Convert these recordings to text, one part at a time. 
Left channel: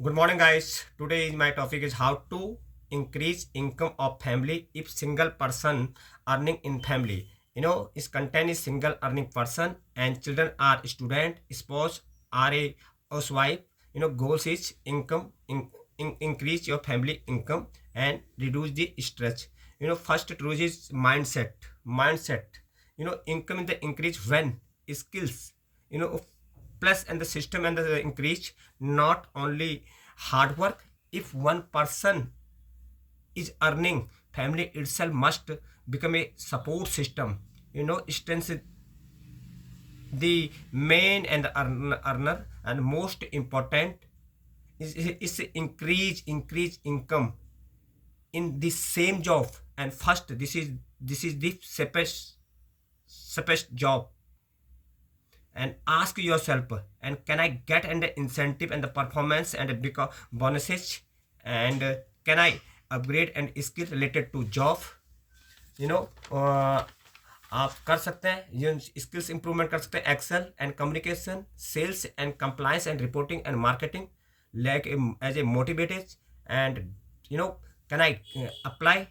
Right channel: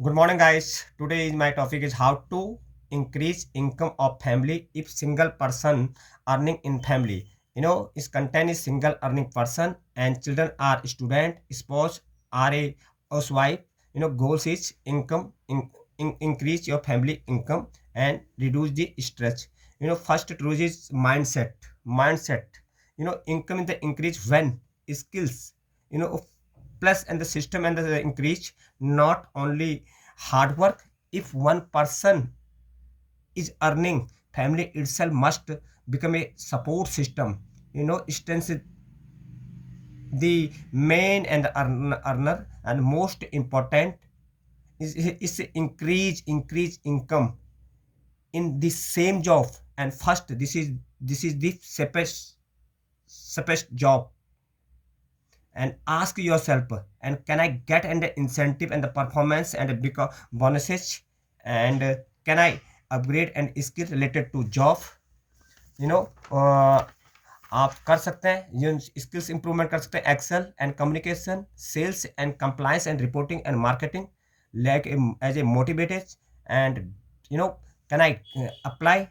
Good morning, guys. Today my topic is how to increase income of family if single person earning in family. Its content is single earning person and children are student, spouse are a housewife. Goals is increase your family income and reduce the stress. First truth is mindset. Mindset. Income in the increase when skills. Plus and the system and the increase, not only hard work. If one person is earning, family itself must become a support system. Strength the main and the earner, and most important is increase income in the same job. And first, this is the safest job. And ask yourself, and can I get an incentive and the performance and because bonuses, and can I upgrade and skill related to job. you know uh, आप कर सकते हैं ये skills improvement कर सकते हैं, Excel and communication, sales and compliance and reporting and marketing, like as a motivated. And can I apply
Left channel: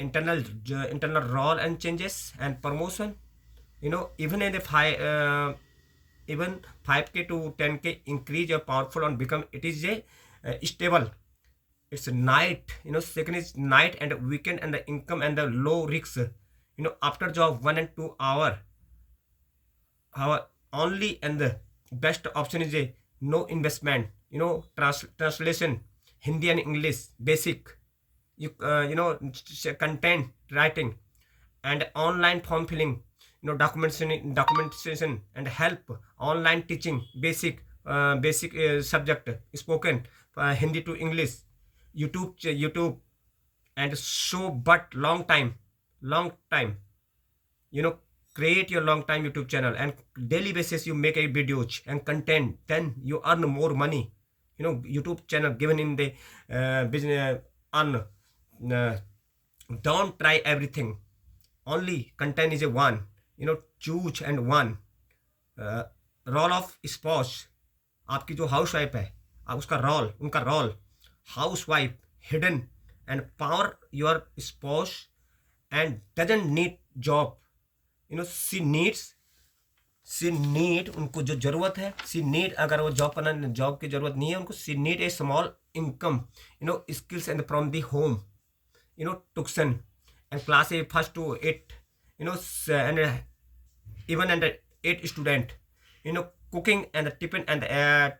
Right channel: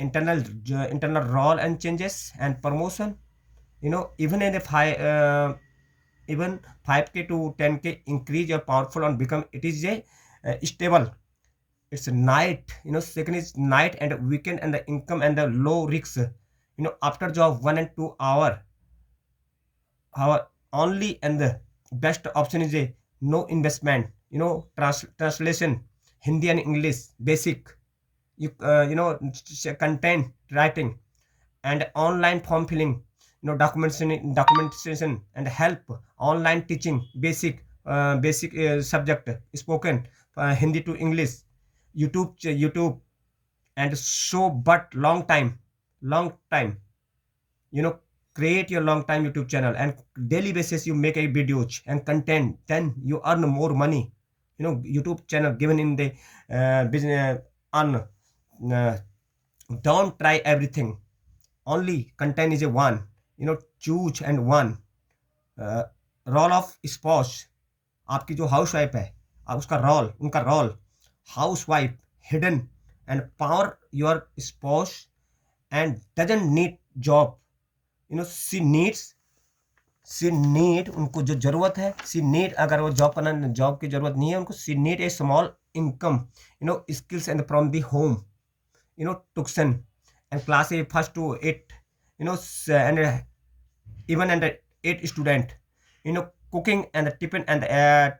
internal role and changes and promotion. Even in the even 5k to 10k increase your powerful and become it is a stable. It's night. Second is night and weekend and the income and the low risks. After job 1 and 2 hour only, and the best option is a no investment. Translation Hindi and English basic. Content writing and online form filling, documentation and help, online teaching basic subject spoken, Hindi to English, youtube and so. But long time, you know create your long time YouTube channel and daily basis you make a videos and content, then you earn more money. YouTube channel given in the business earn. uh, don't try everything, only content is a one. Choose and one. Role of spouse, आपकी जो housewife है, उसका role, उनका role housewife hidden and power your spouse and doesn't need job. She need उनको जो जरूरत है, सी need, अगर वो जॉब करना, जॉब की जरूरत नहीं है उनको, she need a small income, skills and from the home. tuition and class a first to 8, and even and 8 student. Cooking and tiffin, uh,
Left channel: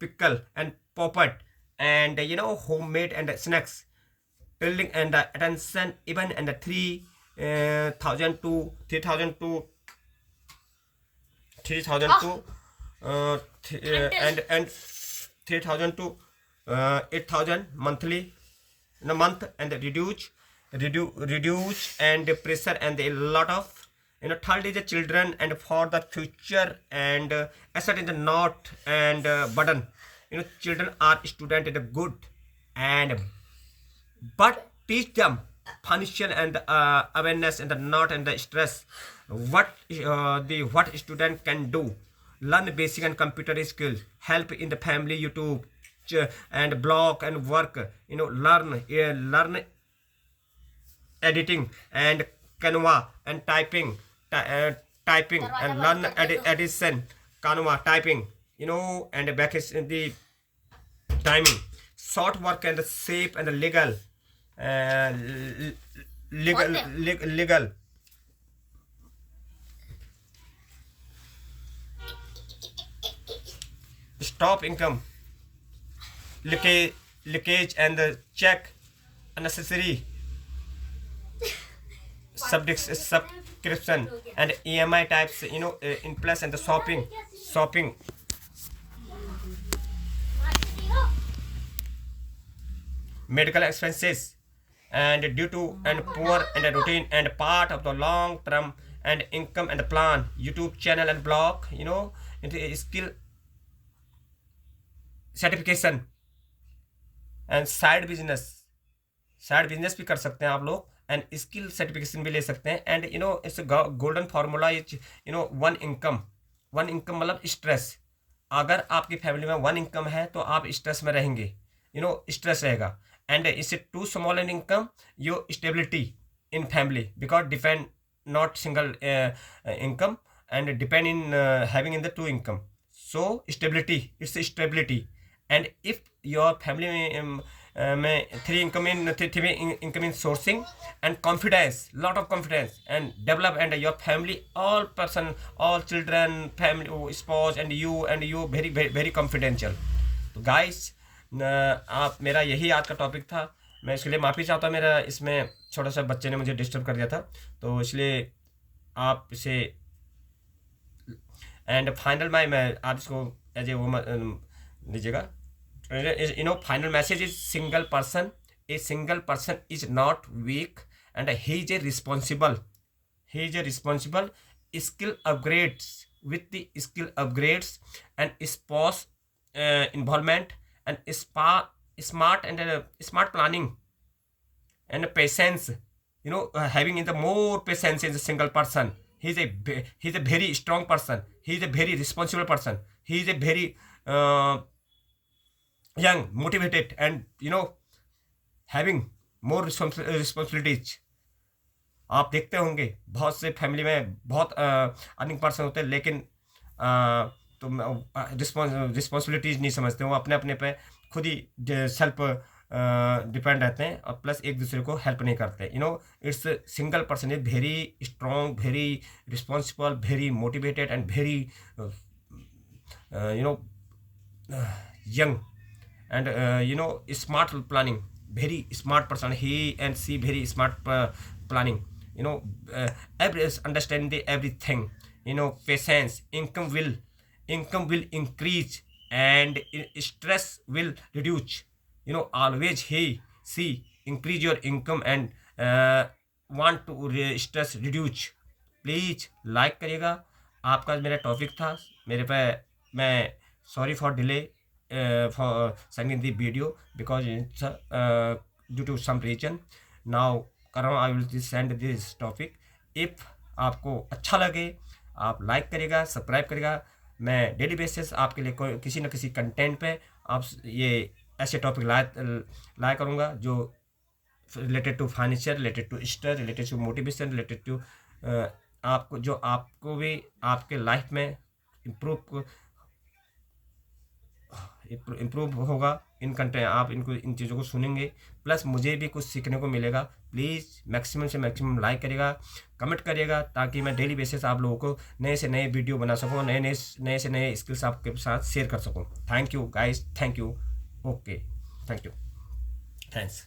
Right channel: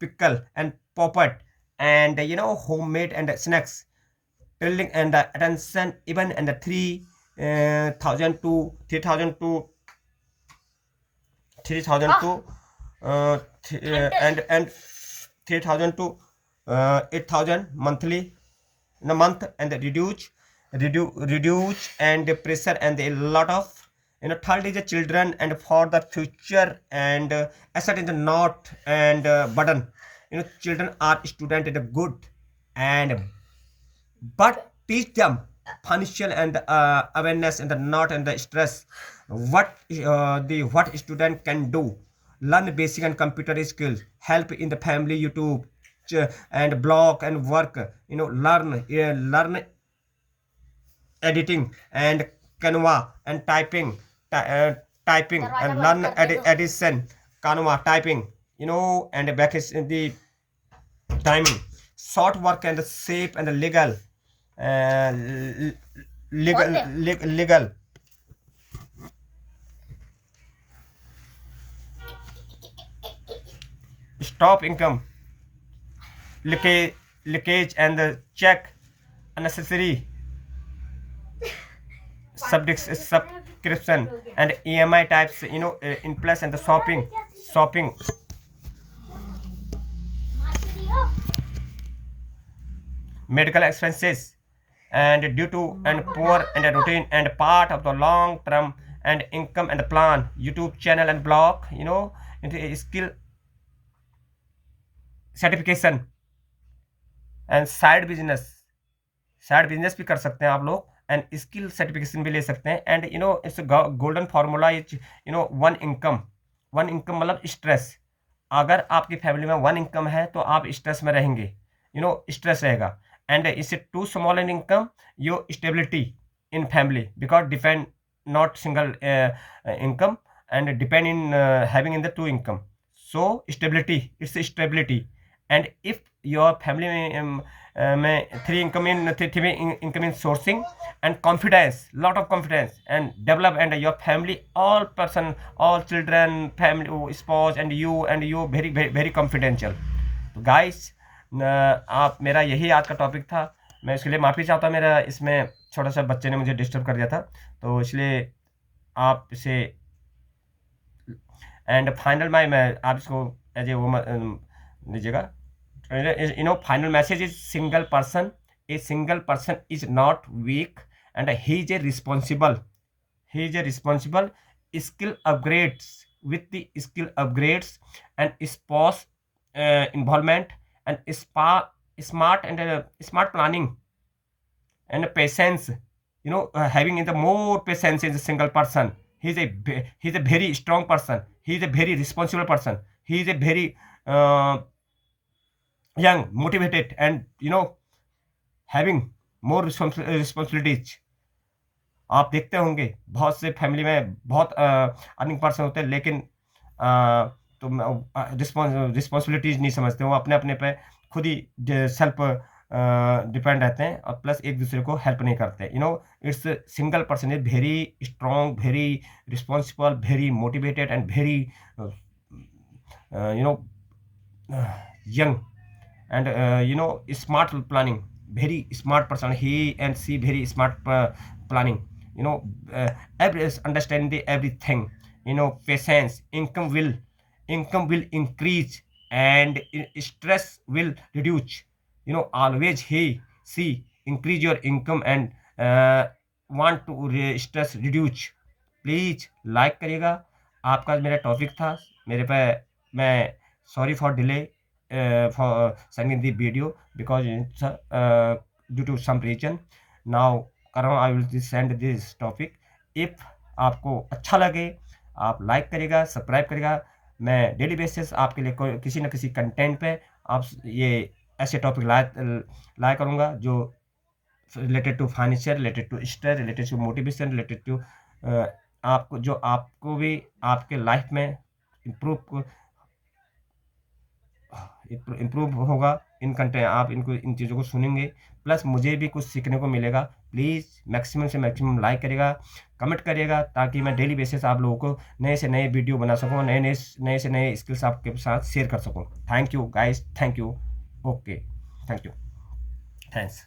pickle and poppet, and homemade and snacks, building and attention even and 3,000 to 3,000 to and 3,000 to 8,000 monthly in a month, and reduce and the pressure and a lot of. Third is the children and for the future, and asset in the not and burden. Children are student in the good, and but teach them financial and awareness and the not and the stress. What student can do: learn basic and computer skills, help in the family YouTube and blog and work. Learn editing and Canva and typing and learn addition, Canva typing. And back is in the timing, short work and safe and legal, uh, legal. Stop income leakage and check unnecessary subscription and EMI types, in plus and the shopping medical expenses, and due to and poor and a routine and part of the long term and income and plan. YouTube channel and blog, skill certification and side business भी कर सकते हैं आप लोग, and skill certification भी ले सकते हैं. And it's golden formula is one income, one income मतलब स्ट्रेस। अगर आपकी फैमिली में वन इनकम है तो आप स्ट्रेस में रहेंगे, स्ट्रेस रहेगा। And is too small an income your stability in family because depend not single income and depend in having in the two income, so stability, it's stability. And if your family में three income in three income in sourcing and confidence, lot of confidence and develop, and your family all person, all children, family, spouse and you very very very confidential. तो guys, आप, मेरा यही आज का topic था। मैं इसके लिए माफ़ी चाहता हूँ, मेरा इसमें छोटा सा बच्चे ने मुझे डिस्टर्ब कर दिया था, तो इसलिए आप इसे एंड फाइनल मैं आप इसको एज ए वो लीजिएगा। Final message is single person is not weak and he is a responsible skill upgrades with the skill upgrades and spouse involvement and smart planning and patience, having in the more patience is a single person. He's a very strong person, he is a very responsible person, he is a very young, motivated, and having more responsibilities. आप देखते होंगे बहुत से family में बहुत earning person होते हैं, लेकिन तो रिस्पॉन्सिबिलिटीज नहीं समझते, वो अपने अपने पे खुद ही सेल्फ डिपेंड रहते हैं, और प्लस एक दूसरे को हेल्प नहीं करते। It's single person is very strong, very responsible, very motivated and very young, and smart planning, very smart person, he and she very smart planning, understand everything, patience, income will increase, and stress will reduce. Always she increase your income and want to stress reduce. Please like करिएगा। आपका मेरा topic था, मेरे पे, मैं sorry for delay for sending the video because it's due to some reason. Now I will send this topic. If आपको अच्छा लगे आप लाइक करिएगा, सब्सक्राइब करिएगा। मैं डेली बेसिस आपके लिए किसी न किसी कंटेंट पे आप ये ऐसे टॉपिक लाया करूँगा जो related to financial, related to stress, related to motivation, related to आपको जो आपको भी आपके लाइफ में इम्प्रूव होगा। इन कंटेंट आप इन चीज़ों को सुनेंगे, प्लस मुझे भी कुछ सीखने को मिलेगा। प्लीज़ मैक्सिमम से मैक्सिमम लाइक करिएगा, कमेंट करिएगा, ताकि मैं डेली बेसिस आप लोगों को नए से नए वीडियो बना सकूँ, नए से नए स्किल्स आपके साथ शेयर कर सकूँ। Thank you guys, thank you, okay, thank you, thanks.